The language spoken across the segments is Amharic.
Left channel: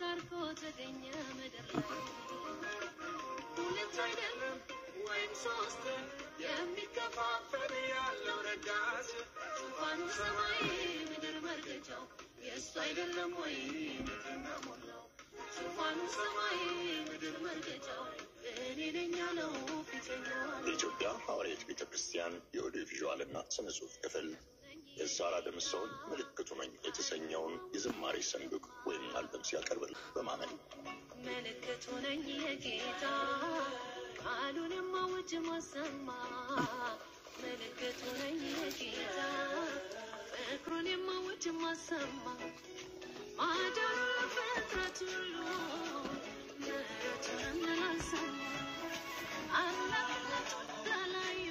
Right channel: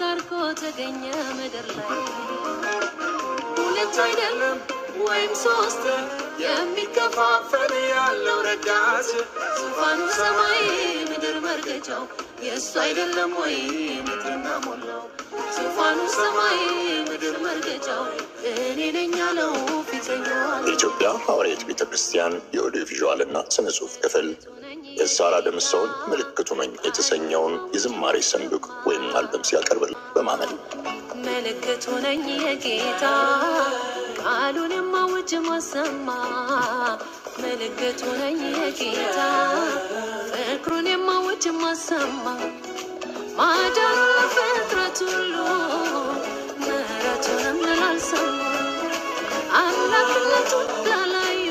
ጋርኮ ተገኘ ምድር ላይ ሁለት አይደለም ወይም ሶስት የሚከፋፈል ያለው ረዳት ዙፋኑ ሰማይ ምድር መርገጫው የሱ አይደለም ወይ ምድርና ሞላው ዙፋኑ ሰማይ ምድር መርገጫው እኔ ነኝ ያለው ፊተኛው የኢትዮጵያ ሐዋርያት ቤተክርስቲያን የኦዲዮ ቪዥዋልና ስነ ጽሑፍ ክፍል የሳራ ደምሰውን ምልክቱ ነኝ የተሰኘውን የዝማሬ ሰንዱቅ ወይም አልበም ሲያቀርብ በማመን ምልክቱ ነኝ የጌታ ቃሉን የማውጅ ማሰማ ምልክቱ ነኝ የጌታ ፍቅሩን የማውጅ ማሰማ ማዳኑ ፍጥረት ሁሉ ምሕረቱንም ላልሰሙ አምላክነቱን ላላዩ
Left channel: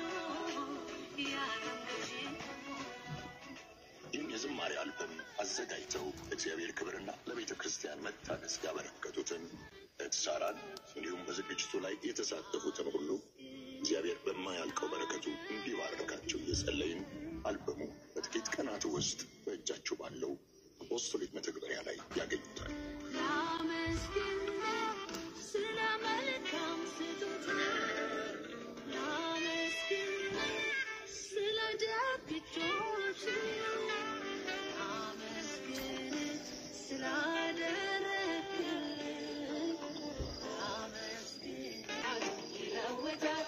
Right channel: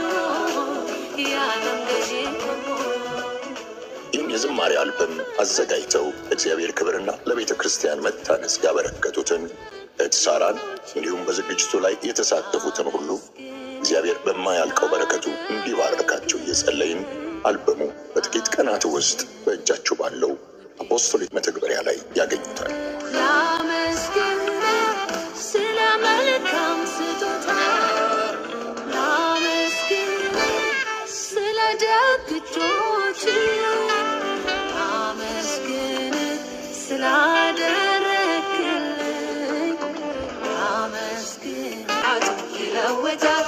የዓለም ገዢ የዝማሬ አልበም አዘጋጅተው እግዚአብሔር ክብርና ለቤተ ክርስቲያን መታነጽ ያበረከቱትን ሳራን እንዲሁም በዝግጅቱ ላይ የተሳተፉትን ሁሉ እግዚአብሔር በማያልቀው በረከቱ እንዲባርካቸው እየጸለይን አልበሙ በጥቂት ቀናት ውስጥ በእጃችሁ ባለው አፖስቶሊክ መተግበሪያ ላይ ያገኙታል። ላመስግን ስለ መልካም ስጦታ ላመስግን ስለ ደግ እጆች ላመስግን ስላደረግልኝ ላመስግን ይለውጣል